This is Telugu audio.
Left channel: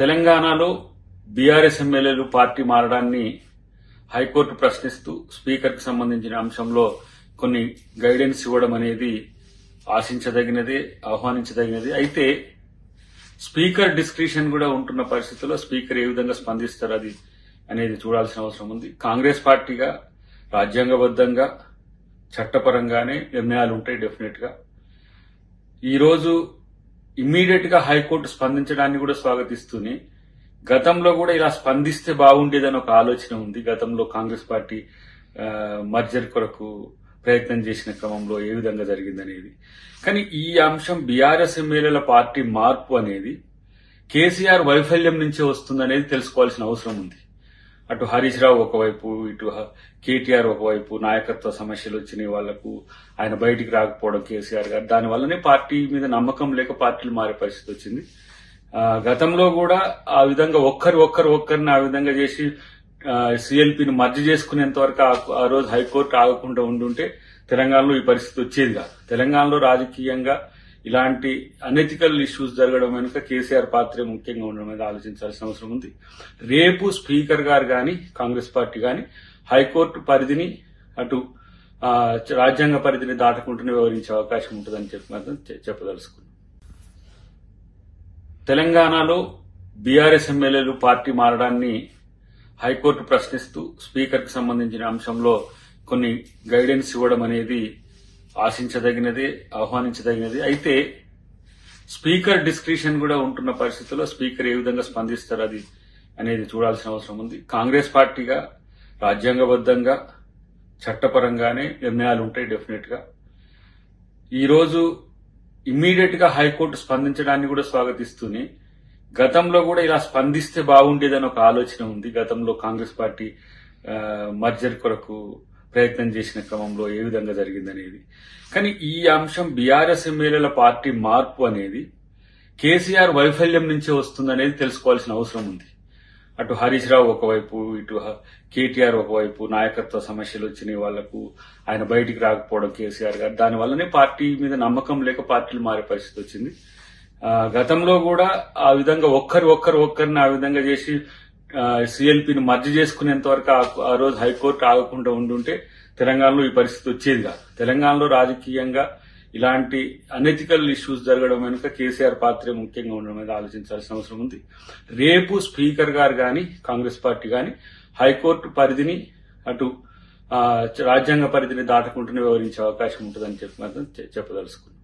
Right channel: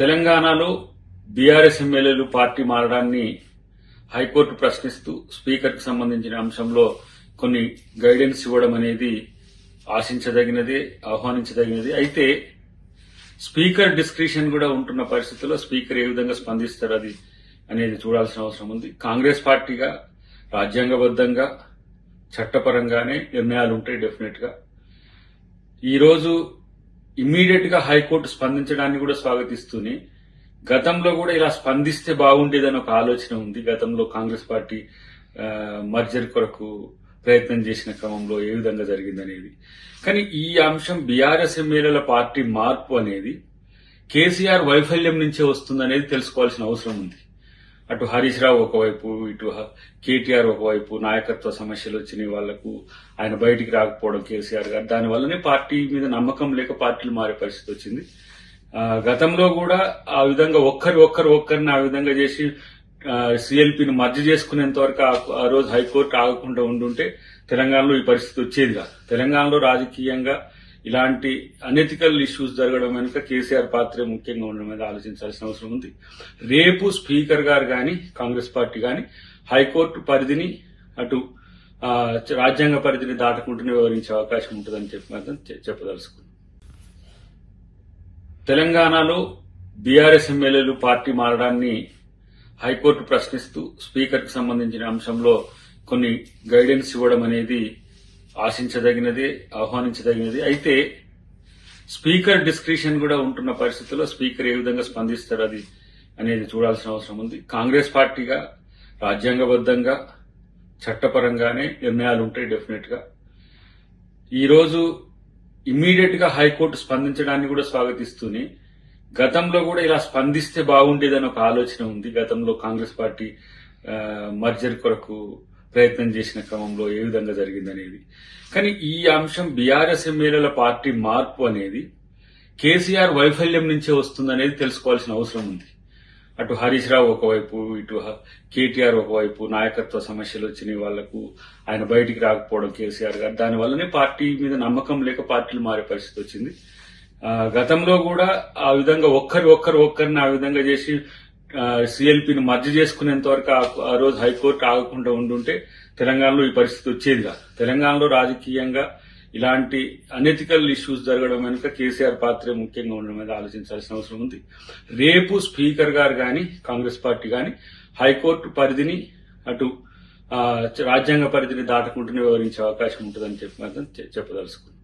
తెలంగాణలో బీఆర్ఎస్ ఎమ్మెల్యేలు పార్టీ మారడాన్ని హైకోర్టు ప్రశ్నిస్తూ స్పీకర్కు సంబంధించిన అంశంలో కొన్ని గైడెన్స్ ఇవ్వడం అనేది ఆశించదగినదే, ఆహ్వానించదగినది. అయితే స్పీకర్ డిస్క్రిషన్ కూడా ఉంటున్న పరిస్థితుల్లో స్పీకర్ ఏ విధంగా స్పందిస్తారు అది అనేది చూడాల్సిన అవసరం ఉంది. కాంగ్రెస్ పార్టీగా రాజ్యాంగబద్దంగా చట్టపరంగానే నిర్ణయాలు ఉంటాయి. డెఫినెట్ గా ఈ రోజు ఇమ్మీడియట్ గా హైకోర్టు స్పందించడాన్ని కూడా స్వాగతిస్తూనే గతంలో కూడా ఇలా స్పందిస్తే బాగుండేదని ఒక ఆలోచన ఉంది. గతంలో కాంగ్రెస్ పార్టీ మర్జర్ కొరకు ప్రయత్నం చేసిన క్రమంలో ఏ విధంగా జరిగిందనేది. కానీ ఈ అంశం బీఆర్ఎస్ ఎమ్మెల్యేల పార్టీ మార్పు అనేది కేసీఆర్ వైఫల్యం నుంచే వస్తుందనేది తెలుసుకోవాల్సిన అవసరం ఉంది. అటు హరీష్ రావు ఒకవైపు, ఇటు కేటీఆర్ ఒకవైపు నాయకత్వ సమస్యలు వచ్చినాయి వాళ్లకు, ఆయన బయటికి రాకపోవడం కేసీఆర్ గారు, దానివల్లనే పార్టీ మీద నమ్మకం లేక పార్టీలు మారే పరిస్థితి వచ్చింది. గతంలో కూడా ఆ విధంగా ఒక్కరిని ఆ విధంగా చేసి సీఎల్పీని మర్జీ చేసుకునేంత వరకు ఆ రోజు హైకోర్టు ఆగకుండా ఉండుంటే తెలంగాణలో ఈ పరిస్థితి వచ్చేది కాదు. తెలంగాణలో రాజకీయంగా ఇలాంటి అనెథికల్ ఇష్యూస్ జరగడం వెనుక కేసీఆర్ పాత్రే ముఖ్యంగా ఉండడం మీద ఆలోచించాల్సిన అవసరం ఉంది. రేపు స్పీకర్ గారు గాని కాంగ్రెస్ పార్టీ గాని హైకోర్టు పరిధిని అటు రాజ్యాంగ పరిధిని దాటకుంటూనే వివరించే అవకాశం ఉంటుందని చెప్పి మాత్రం చెప్పదలుచుకున్నాం. తెలంగాణలో బీఆర్ఎస్ ఎమ్మెల్యేలు పార్టీ మారడాన్ని హైకోర్టు ప్రశ్నిస్తూ స్పీకర్కు సంబంధించిన అంశంలో కొన్ని గైడెన్స్ ఇవ్వడం అనేది ఆశించదగినదే, ఆహ్వానించదగినది. అయితే స్పీకర్ డిస్క్రిషన్ కూడా ఉంటున్న పరిస్థితుల్లో స్పీకర్ ఏ విధంగా స్పందిస్తారు అది అనేది చూడాల్సిన అవసరం ఉంది. కాంగ్రెస్ పార్టీగా రాజ్యాంగబద్దంగా చట్టపరంగానే నిర్ణయాలు ఉంటాయి. డెఫినెట్ గా ఈ రోజు ఇమ్మీడియట్ గా హైకోర్టు స్పందించడాన్ని కూడా స్వాగతిస్తూనే గతంలో కూడా ఇలా స్పందిస్తే బాగుండేదని ఒక ఆలోచన ఉంది. గతంలో కాంగ్రెస్ పార్టీ మర్జర్ కొరకు ప్రయత్నం చేసిన క్రమంలో ఏ విధంగా జరిగిందనేది. కానీ ఈ అంశం బీఆర్ఎస్ ఎమ్మెల్యేల పార్టీ మార్పు అనేది కేసీఆర్ వైఫల్యం నుంచే వస్తుందనేది తెలుసుకోవాల్సిన అవసరం ఉంది. అటు హరీష్ రావు ఒకవైపు, ఇటు కేటీఆర్ ఒకవైపు నాయకత్వ సమస్యలు వచ్చినాయి వాళ్లకు, ఆయన బయటికి రాకపోవడం కేసీఆర్ గారు, దానివల్లనే పార్టీ మీద నమ్మకం లేక పార్టీలు మారే పరిస్థితి వచ్చింది. గతంలో కూడా ఆ విధంగా ఒక్కరిని ఆ విధంగా చేసి సీఎల్పీని మర్జీ చేసుకునేంత వరకు ఆ రోజు హైకోర్టు ఆగకుండా ఉండుంటే తెలంగాణలో ఈ పరిస్థితి వచ్చేది కాదు. తెలంగాణలో రాజకీయంగా ఇలాంటి అనెథికల్ ఇష్యూస్ జరగడం వెనుక కేసీఆర్ పాత్రే ముఖ్యంగా ఉండడం మీద ఆలోచించాల్సిన అవసరం ఉంది. రేపు స్పీకర్ గారు గాని కాంగ్రెస్ పార్టీ గాని హైకోర్టు పరిధిని అటు రాజ్యాంగ పరిధిని దాటకుంటూనే వివరించే అవకాశం ఉంటుందని చెప్పి మాత్రం చెప్పదలుచుకున్నాం.